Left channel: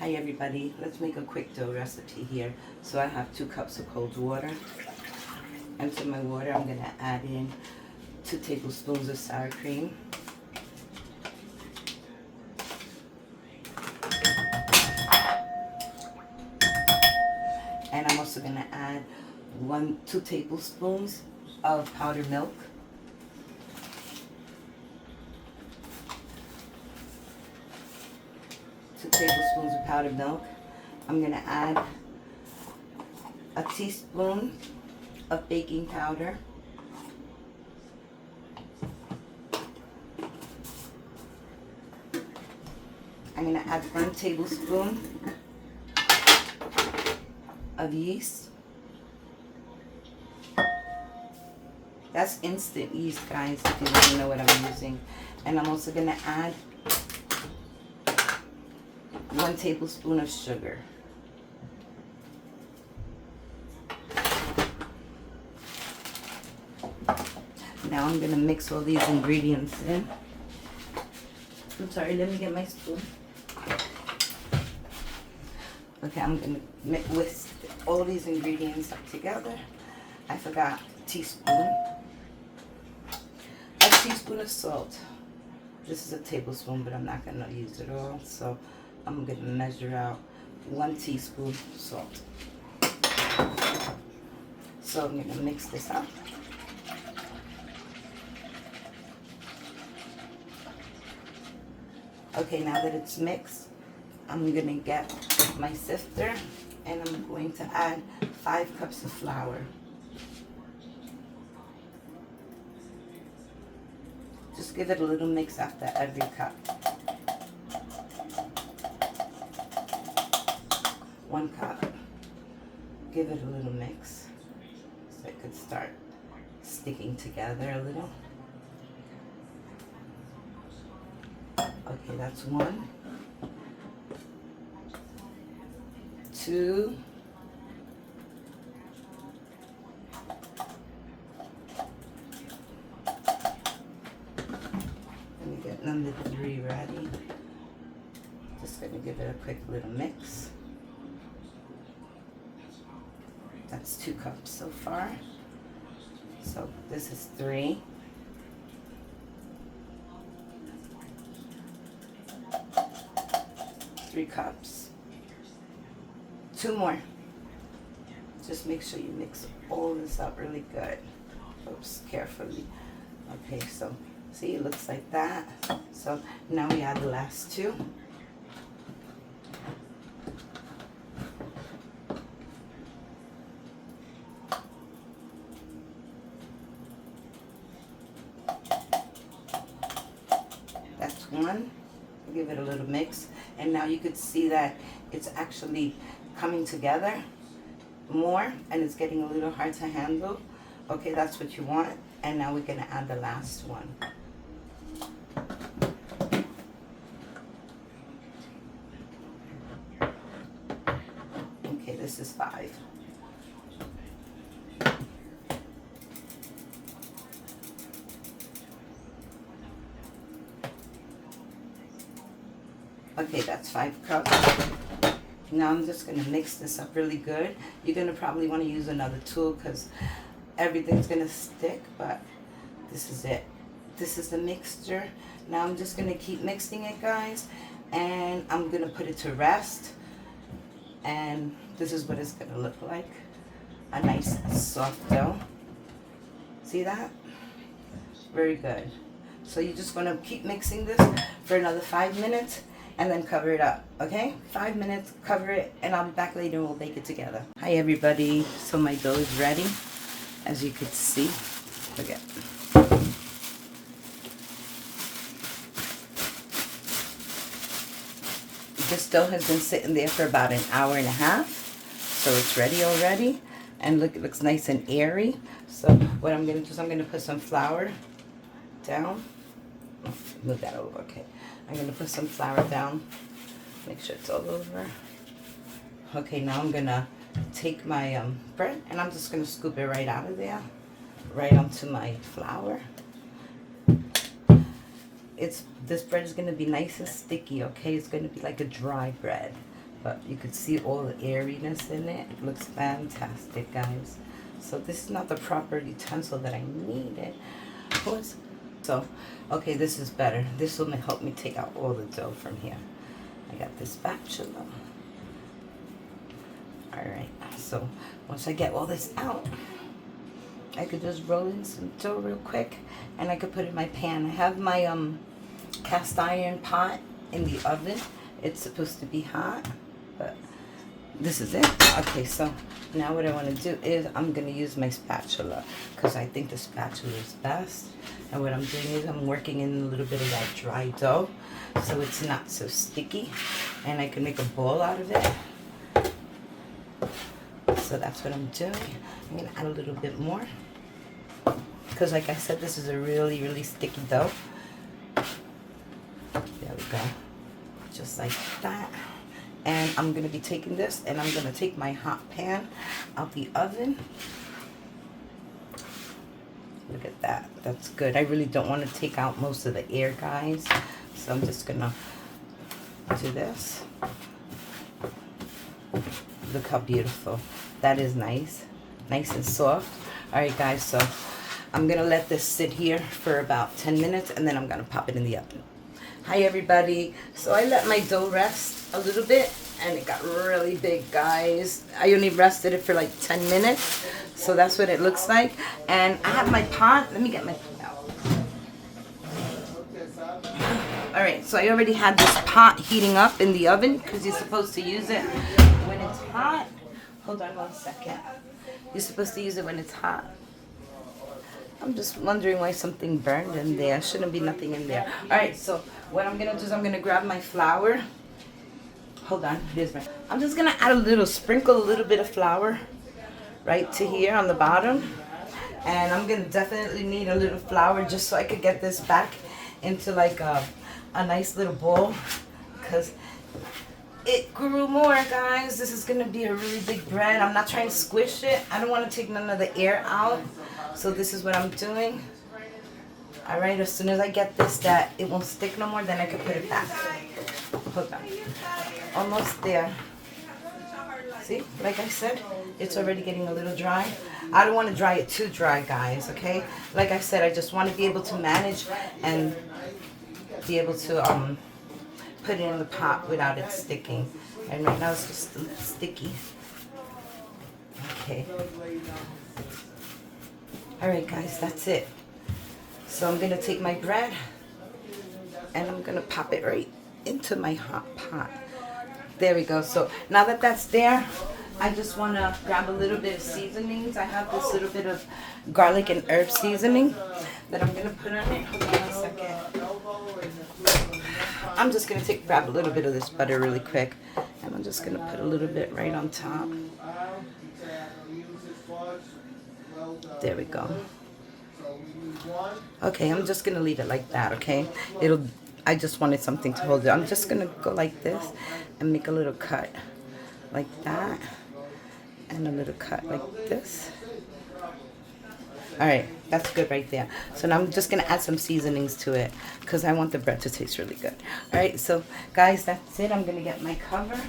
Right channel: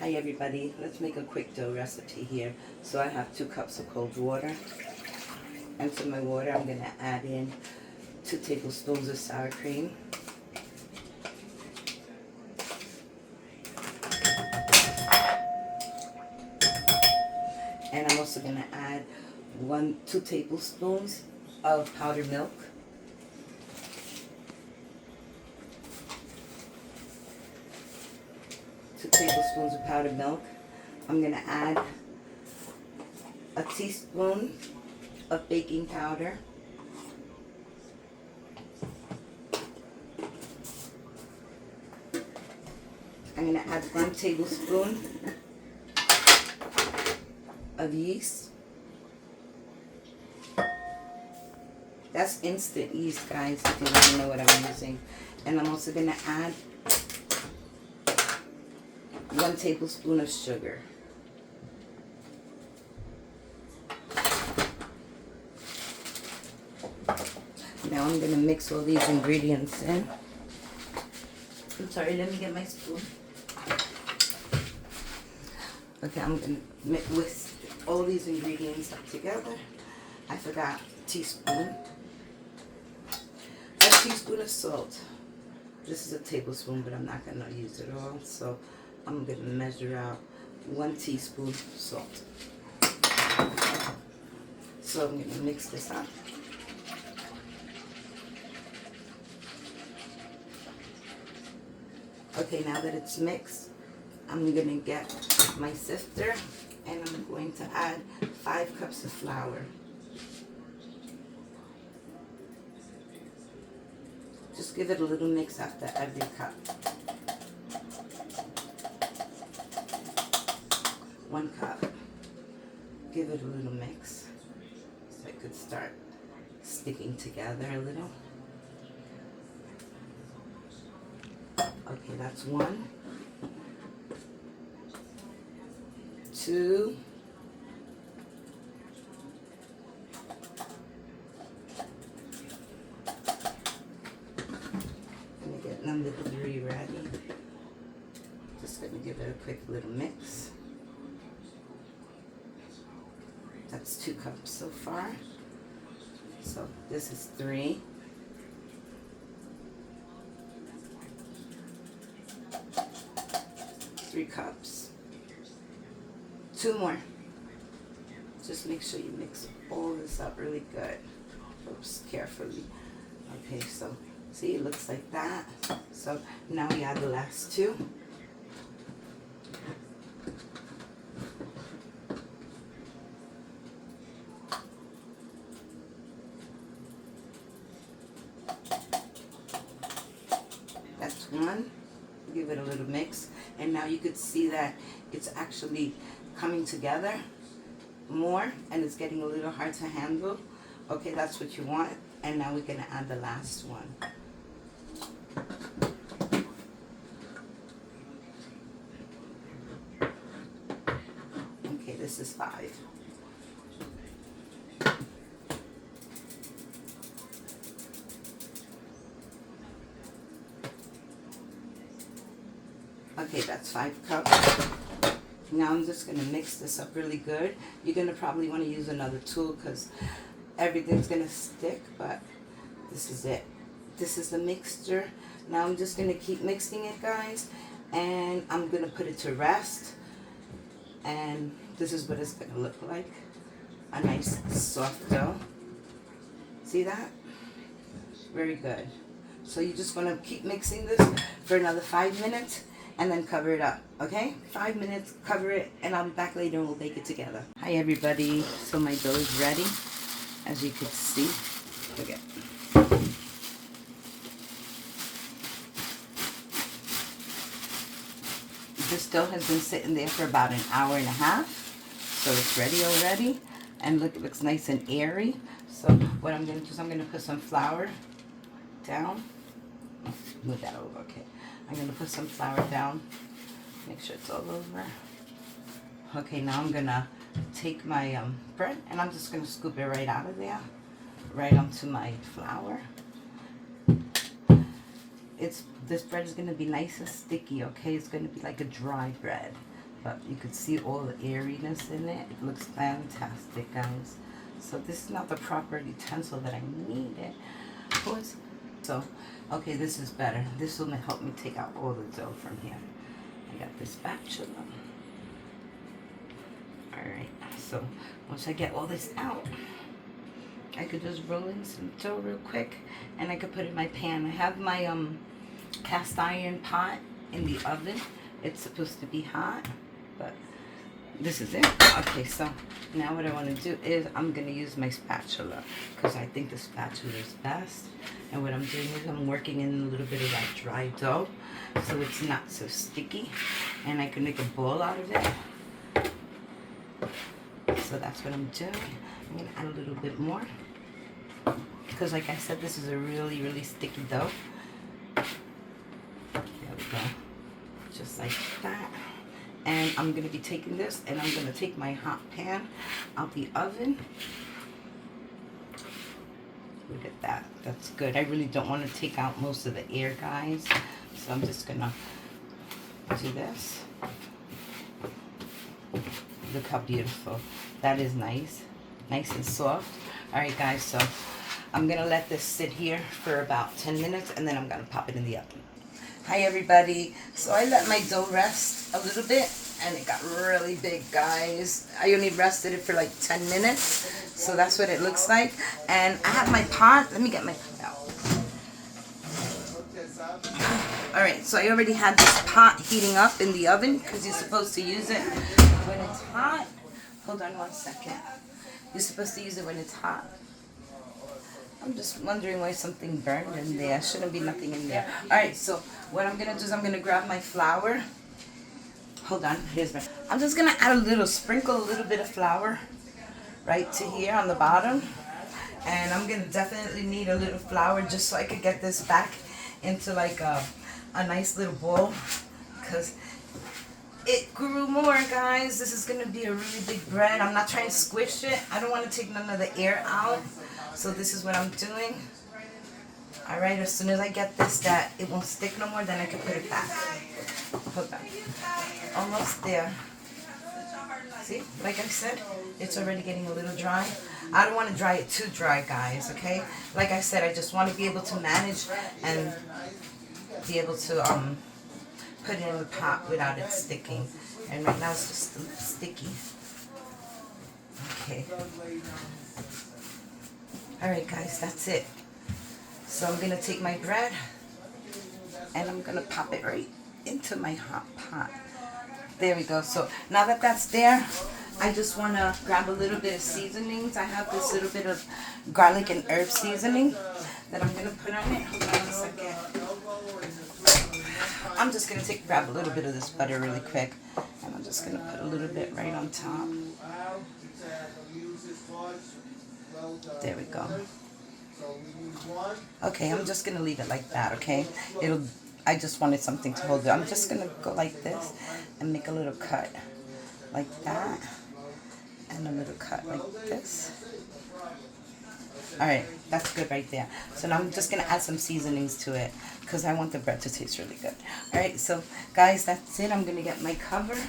Hi everybody, let's make a quick dough recipe here. So I have 2 cups of cold water. And to my water I'm going to add in 2 tablespoons of sour cream. And I'm also going to add 2 tablespoons of powdered milk. Tablespoons of powdered milk. I'm going to add a teaspoon of baking powder. I'm going to add 1 tablespoon of yeast. That's instant yeast, guys, if you didn't know what I'm using. And I'm also going to add 1 tablespoon of sugar. Now I'm going to mix all these ingredients in. I'm sorry, let me get my spoon. Okay, I'm going to whisk all these ingredients up together. I forgot a teaspoon. A teaspoon of salt. This is a tablespoon, but I'm not going to use it all. So I'm going to measure out 1 teaspoon salt. So I'm going to mix this up. Okay, now that it's mixed, I'm going to get my sifter and I'm going to add 5 cups of flour. Just give it a little mix after every cup. 1 cup. Give it a little mix so it could start sticking together a little. Okay, that's 1, 2, 3 ready. Just going to give it a quick little mix. That's 2 cups so far. So this is 3. 3 cups. 2 more. Just make sure you mix all this up really good. Oops, carefully. Okay, so see, it looks like that. So now we add the last 2. That's 1. Give it a little mix. And now you could see that it's actually coming together more and it's getting a little hard to handle. Okay, that's what you want. And now we're going to add the last one. Okay, this is 5. Okay, that's 5 cups. Now I'm just going to mix this up really good. You're going to probably want to use another tool because everything's going to stick, but this is it. This is the mixture. Now I'm just going to keep mixing it, guys, and I'm going to put it to rest. And this is what it's going to look like. A nice soft dough. See that? Very good. So you just want to keep mixing this for another 5 minutes. And then cover it up, okay? 5 minutes, cover it, and I'll be back later and we'll bake it together. Hi everybody, so my dough is ready, as you can see. Look at this dough has been sitting there for about an hour and a half, so it's ready already. And look, it looks nice and airy. So what I'm gonna do is I'm gonna put some flour down. Move that over, okay. I'm going to put some flour down, make sure it's all over. Okay, now I'm going to take my bread and I'm just going to scoop it right out of there, right onto my flour. This bread is going to be nice and sticky, okay? It's going to be like a dry bread. but you could see all the airiness in it. It looks fantastic, guys. So this is not the proper utensil that I needed. So, okay, this is better. This will help me take out all the dough from here. I got this spatula. Alright, so once I get all this out, I could just roll in some dough real quick, and I could put it in my pan. I have my cast iron pot in the oven. It's supposed to be hot, but this is it. Okay, so now what I want to do is I'm going to use my spatula, because I think the spatula is best. And what I'm doing is I'm working in a little bit of that dry dough, so it's not so sticky, and I can make a ball out of it. So that's what I'm doing. I'm going to add a little bit more, because like I said, this is a really, really sticky dough. There we go. Just like that. And I'm going to be taking this, and I'm going to take my hot pan out the oven. Look at that. That's good. I really don't want to take out most of the air, guys. So I'm just going to do this. Look how beautiful. That is nice. Nice and soft. Alright, guys. So I'm going to let this sit here for about 10 minutes, and then I'm going to pop it in the oven. Hi everybody. So I let my dough rest a little bit, and it got really big, guys. I only rested it for like 10 minutes. So that's what it looks like. And I have my pot. Let me get my pot out. Alright, so I already had this pot heating up in the oven, because you're supposed to use it when it's hot. Hold on 1 second. You're supposed to use it when it's hot. I'm just wondering why something burned in there. Shouldn't be nothing in there. Alright, so what I'm going to do is I'm going to grab my flour. Hold on. Here's my... I'm just going to add sprinkle a little bit of flour right to here on the bottom. And I'm going to definitely need a little flour just so I could get this back into like a nice little bowl. Because it grew more, guys. This is going to be a really big bread. I'm not trying to squish it. I don't want to take none of the air out. So this is what I'm doing. Alright, as soon as I get this, that it won't stick no more, then I can put it back. Hold on. Almost there. See, like I said, it's already getting a little dry. I don't want to dry it too dry, guys, okay? Like I said, I just want to be able to manage and be able to put it in the pot without it sticking. And right now it's just a little sticky. Okay. Alright guys, that's it. So I'm going to take my bread and I'm going to pop it right into my hot pot. There we go. So now that that's there, I just want to grab a little bit of seasonings. I have this little bit of garlic and herb seasoning that I'm going to put on it. Hold on 1 second. I'm just going to grab a little bit of this butter really quick. And I'm just going to put a little bit right on top. There we go. Okay, I'm just going to leave it like that, okay? I just wanted something to hold it. I'm just going to go like this and make a little cut like that. And a little cut like this. Alright, that's good right there. So now I'm just going to add some seasonings to it because I want the bread to taste really good. Alright, so guys, that's it. I'm going to get my cover.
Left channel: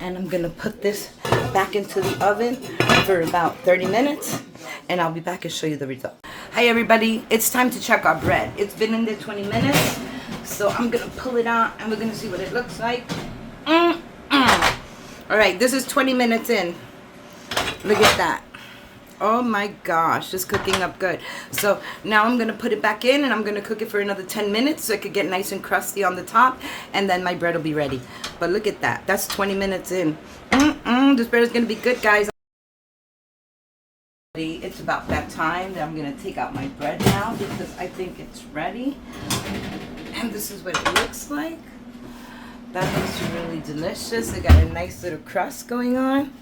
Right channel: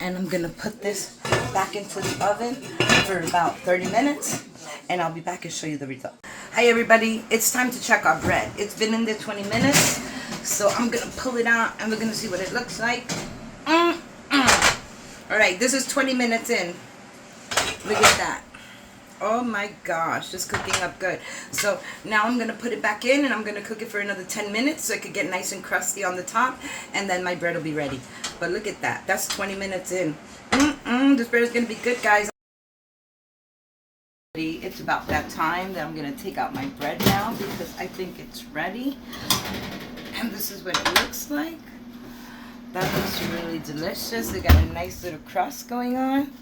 And I'm going to put this back into the oven for about 30 minutes. And I'll be back and show you the result. Hi everybody, it's time to check our bread. It's been in there 20 minutes. So I'm going to pull it out and we're going to see what it looks like. Alright, this is 20 minutes in. Look at that. Oh my gosh, it's cooking up good. So now I'm going to put it back in and I'm going to cook it for another 10 minutes so it could get nice and crusty on the top. And then my bread will be ready. But look at that. That's 20 minutes in. This bread is going to be good, guys. It's about that time that I'm going to take out my bread now because I think it's ready. And this is what it looks like. That looks really delicious. It got a nice little crust going on.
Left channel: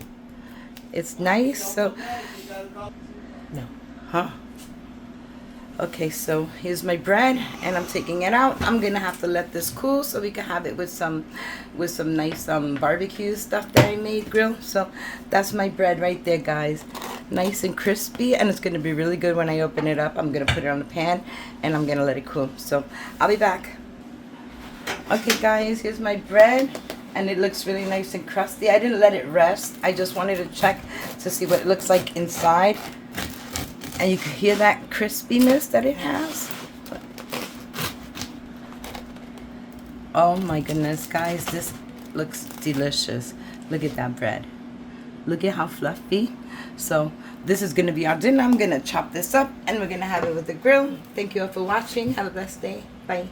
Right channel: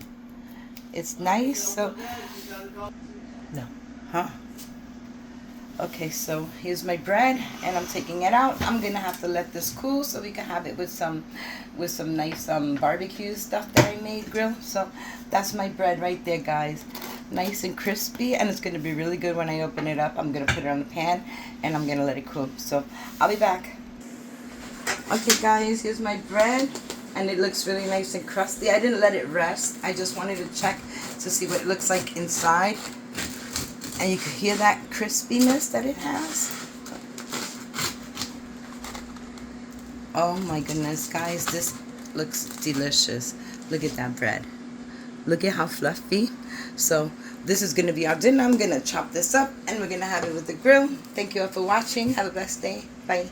It's nice. So, no. Huh? Okay, so here's my bread and I'm taking it out. I'm going to have to let this cool so we can have it with some nice barbecue stuff that I made, grill. So that's my bread right there, guys. Nice and crispy, and it's going to be really good when I open it up. I'm going to put it on the pan and I'm going to let it cool. So I'll be back. Okay guys, here's my bread. and it looks really nice and crusty. I didn't let it rest. I just wanted to check to see what it looks like inside. And you can hear that crispiness that it has. Oh my goodness, guys, this looks delicious. Look at that bread. Look at how fluffy. So this is going to be our dinner. I'm going to chop this up and we're going to have it with the grill. Thank you all for watching. Have a blessed day. Bye.